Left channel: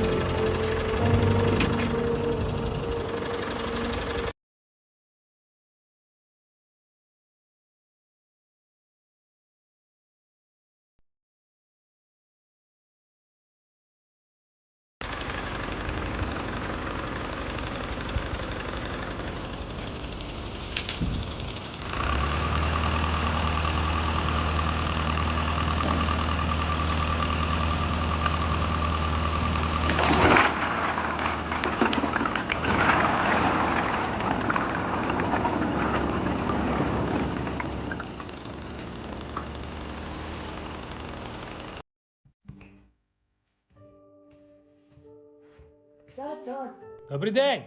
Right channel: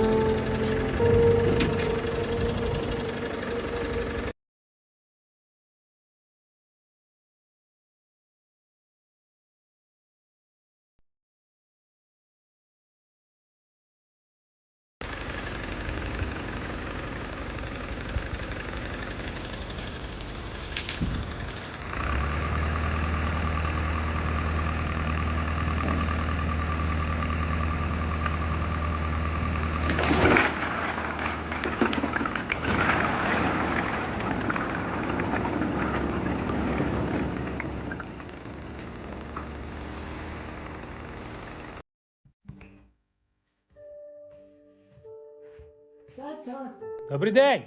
《あっ!》Добрий день.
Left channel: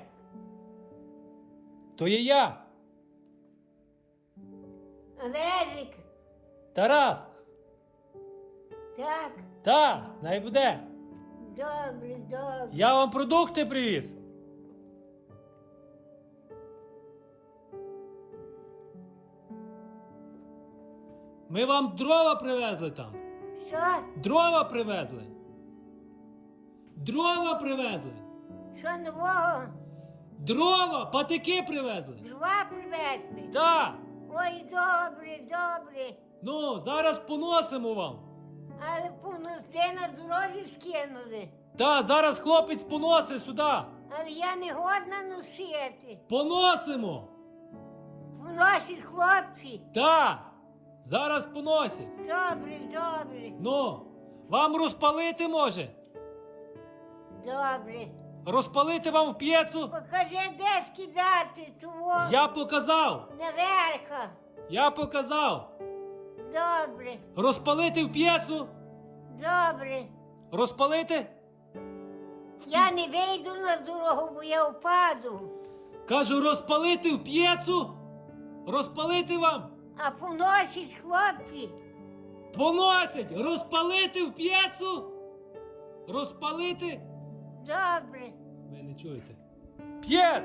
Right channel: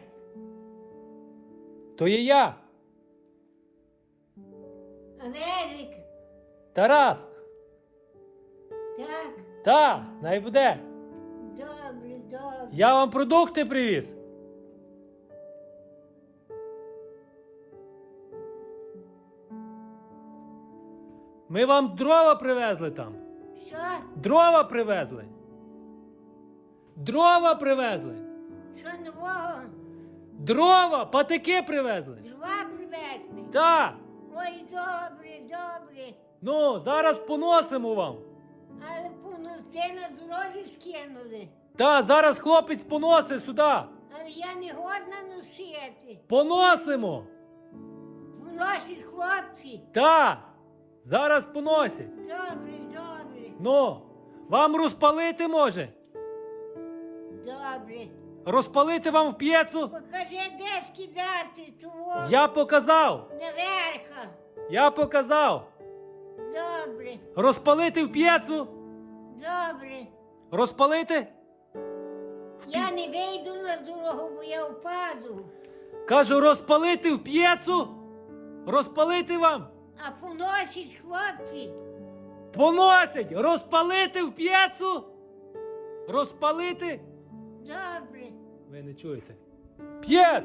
То є я, Олежик, Тарас. так, Та, най буде. добре, добре. Я вам продукти привіз. Ми вам дрова привезли там. Що? Дрова привезли. Дрова привезли. Що нового? Дрова, патики привезли. Дрова привезли? Так. Ой, добре, добре. Ну, зараз поносимо вам. Але поносте на дорозі скинули. Та, зараз хлопець поносить сюди. Але я не годна носити. Поносимо. Поносять хлопці. Та, зараз поносять. Добре, добре, Ну, вам розпалити може? добре. Розпалити вам в п'єцу? Покажи, де скидати того Я показав. наверха. Я показав. Добре, Розпалити в п'єцу? добре. Розпалити? Я не вийду на дорогу, бо я впаду. Кажу, розпалити в п'єцу? Розпалити вам? А поносять хлопці. Поносить! Розпалити в п'єцу? Розпалити? Добре. Ви не чуєте. П'єц!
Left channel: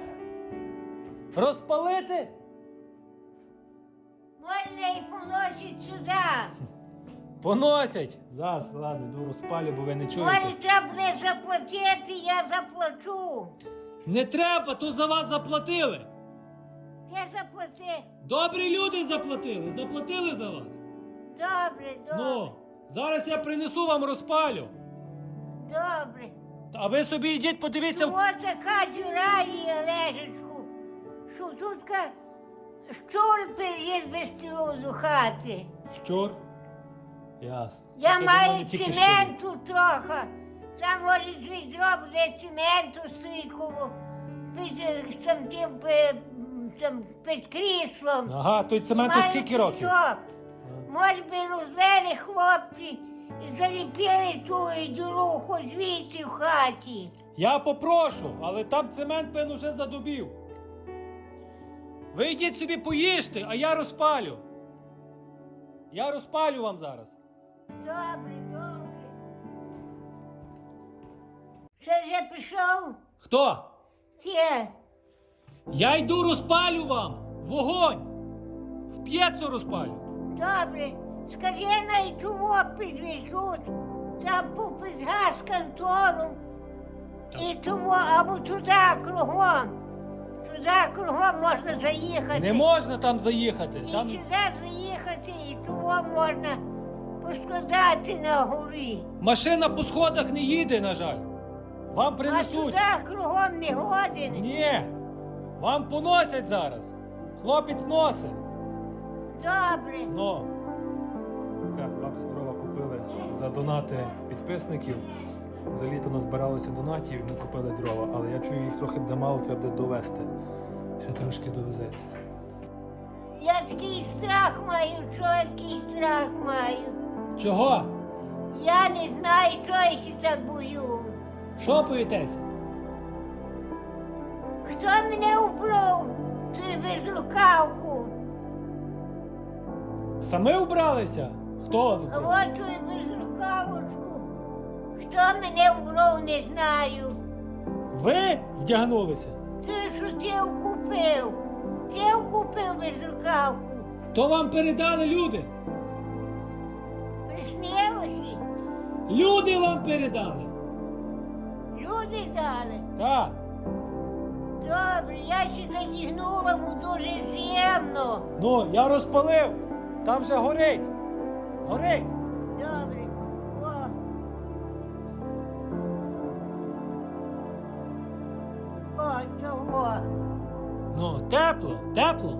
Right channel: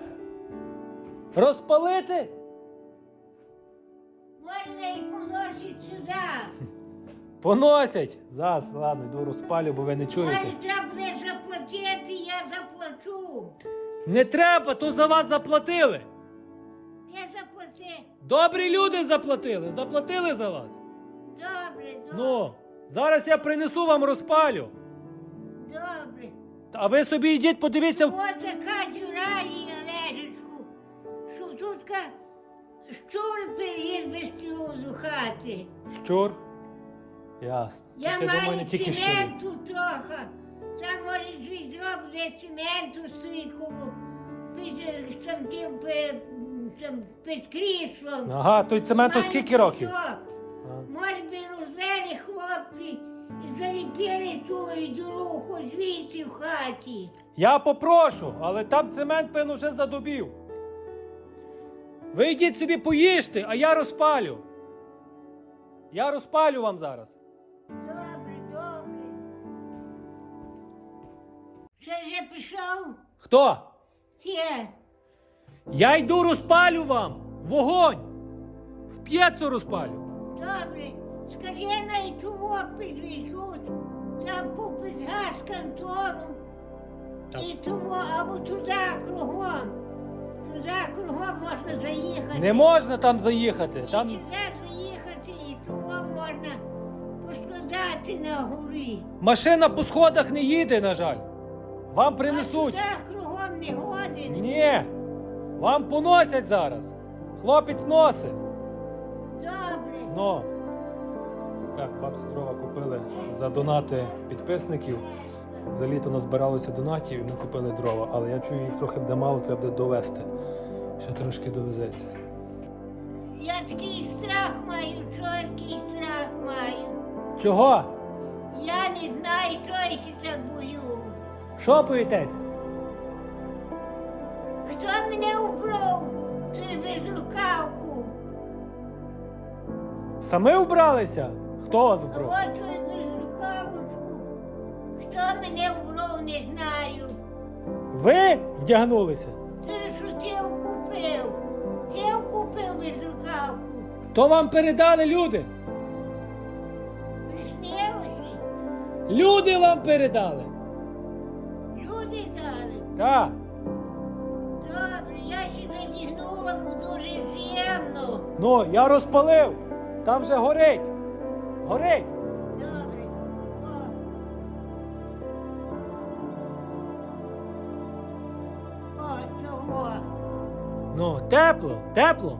Розпалити? Можна і поносять сюди. Поносять! Зараз, ладно, йду розпалю, бо ви не чуєте. Може, треба буде заплатити, я заплачу. Не треба, то за вас заплатили. Ти заплати. Добрі люди заплатили, заплатили за вас. Добре, добре, Ну, зараз я принесу вам розпалю. добре. А ви собі йдіть, подивіться. Чого така дюра є, Олежечку, що тут ка щур переїзд без тілу до хати. Щур. Ясно. Я Ти маю думаю, тільки цементу трохи. Там може з відро буде цементу стоїть коло під, тим, там, під кріслом. Ага, той цементу Маю скільки років? пісок. Може би розвели хлопці заліпили ту діру хоч звідси в хаті. Я попрошу, але там цемент, певно, вже задубів. Ви йдіть собі поїжте, а я розпалю. Я розпалю вам зараз. Добре, добре. Що вже пішов? Хто? Це. Я йду розпалю вам. Вогонь. В п'єцу розпалю. Добре. Скажи на і того підвезуть. Там попит газ контору. І того, або туди кругом. Туди кругом можна заїхати. Не можна там заїхати. І Там... сюди заїхати, і того можна поскладати на горі. Машина по сходах не їде, на жаль. Вам А принесуть. туди кругом не годен. Ні. Вам поносять зараз. Хлопець носить. Добре. Ну. Донати підписників. За літо назбиралося донатів, і ми купили дрова. Але я чую, їх трохи буде мало, треба буде довести. Ще трошки довезеться. Я такий страх маю, що я такий страх маю. Чого? Я не знаю, чого я ще так бою. Що боїтесь? Хто мене убрав? Той безрукавку. Сами вбралися? Хто вас А от той безрукавочку. Хто мене убрав, не знаю. Ви вдягнулися? Ти що ти купив? Ти купив безрукавку. То вам передали люди. Приснилося? Люди вам передали. люди дали. Так. Добре, я ще задігнула, бо дуже зємно. Ну, я розпалив. Там вже горить. Горить. Ну, тепло, тепло.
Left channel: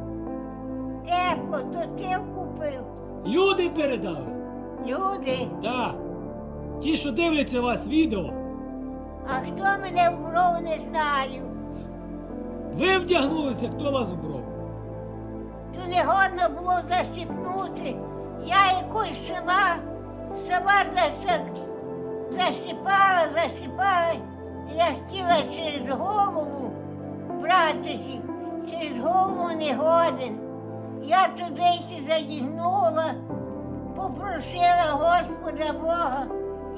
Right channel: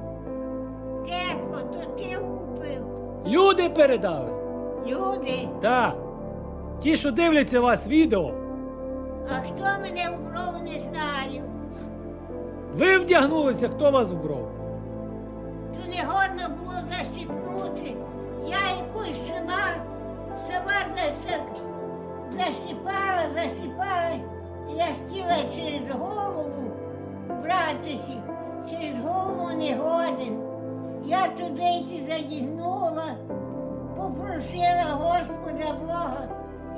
Тепло, то ти купив. Люди передали. Люди, Так. Ті, що дивляться вас відео, а хто мене вбров, не знаю. ви вдягнулися, хто вас вбрав? То не годно було защипнути. Я якусь сама, сама засак, защипала, защипала. Я хотіла через голову братися, через голову не годен. Я туди задігнула, попросила Господа Бога,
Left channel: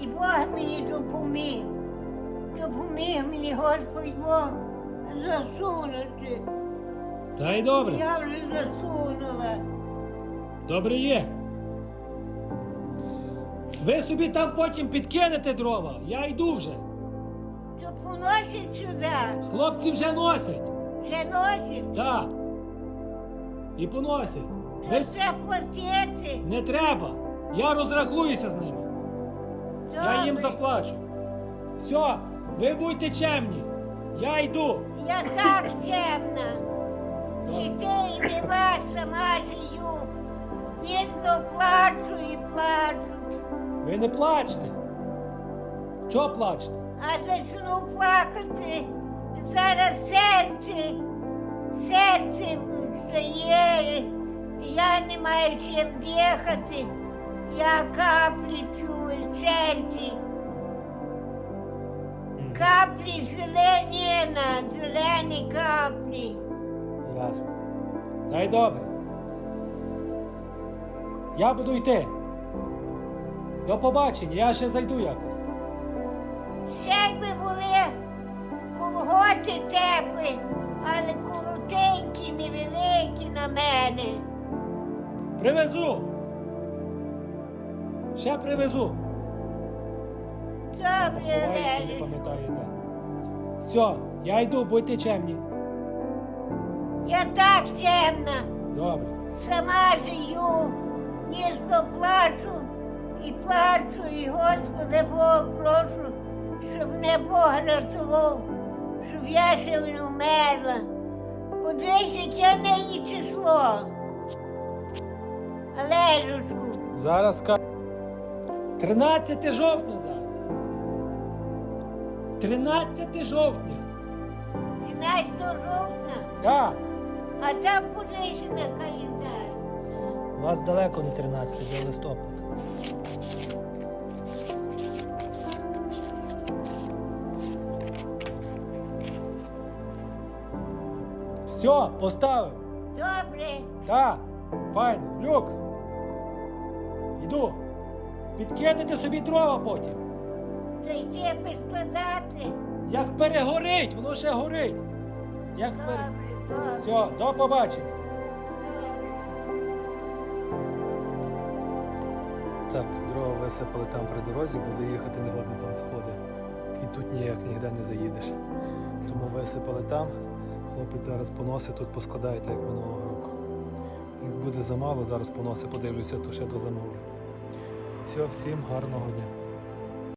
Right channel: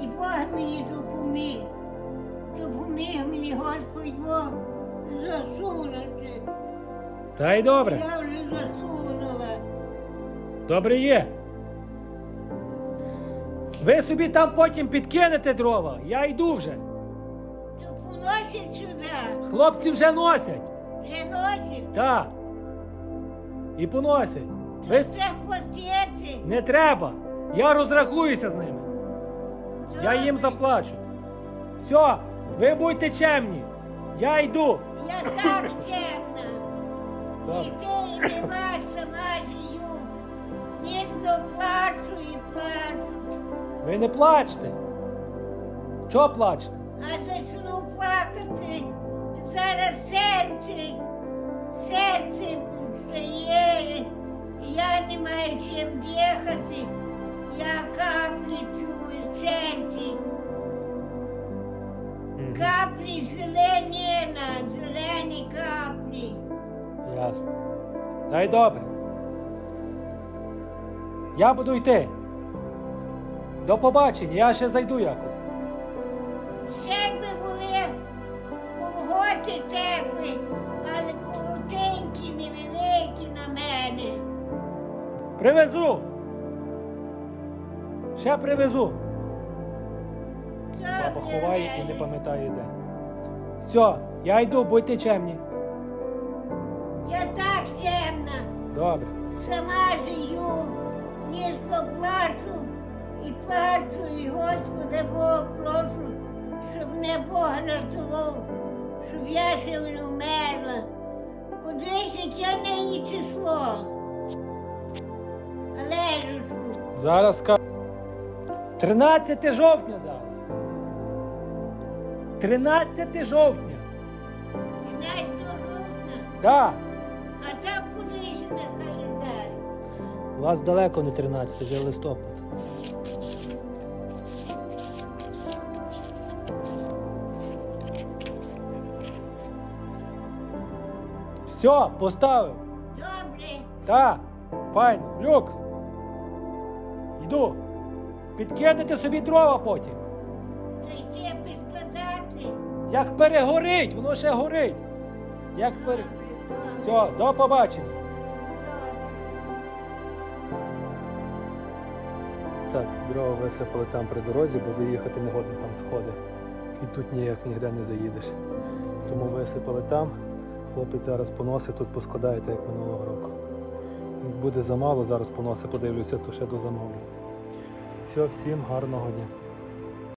і Бог мені допоміг. Допоміг мені Господь Бог засунути. Та й добре. Я вже засунула. Добре є. Ви собі там потім підкинете дрова. Я йду вже. То поносять сюди. Хлопці вже носять. Вже носять. Так. І поносять. Ви... треба платити. Не треба. Я розрахуюся з ними. Я їм заплачу. Все, ви будьте чемні. Я йду. Я так чемна. Дітей нема, сама жию. Місто плачу і плачу. Ви не плачте. Чого плачете? А почну плакати. Зараз серце, серце стає. Я не маю чим дихати. Я каплі п'ю із серця. Каплі зелені, на зелені каплі. Ясно. Та й добре. Я буду йти. До побачення, я ще зайду якось. Ще якби були колготи теплі, але коротенькі, невеликі на мене. Привезу. Ще привезу. Добре, Поховаєте, не Олеже. пам'ятаю де. Все, я йду, будьте чемні. Я так чемна, Добре. сама жию, ніжно плачу і плачу, і Господа Бога прошу, щоб мене Бог рятував, щоб я ще не вмерла. Подивись, яке нині число. Олежечку, Зараз скажу. 13 жовтня зараз. 13 жовтня. 13 жовтня, Так. а там подивись на календар. У вас далеко не 13, вже листопад. Все, поставив. Добре, Так, файно, люкс. Йду. Підкинете собі дрова потім. то йти складати. Як перегорить, воно ще горить. Як пере... Добре, добре. Все, до побачення. добре. Так, дрова висипали там при дорозі, бо заїхати не годно там сходи. І тут ніяк ніде не заїдеш. Тому висипали там. Хлопець зараз поносить, тут поскладає, як минулого року. Буде замало, зараз поносить, подивлюся, то ще до замови. Все, всім гарного дня.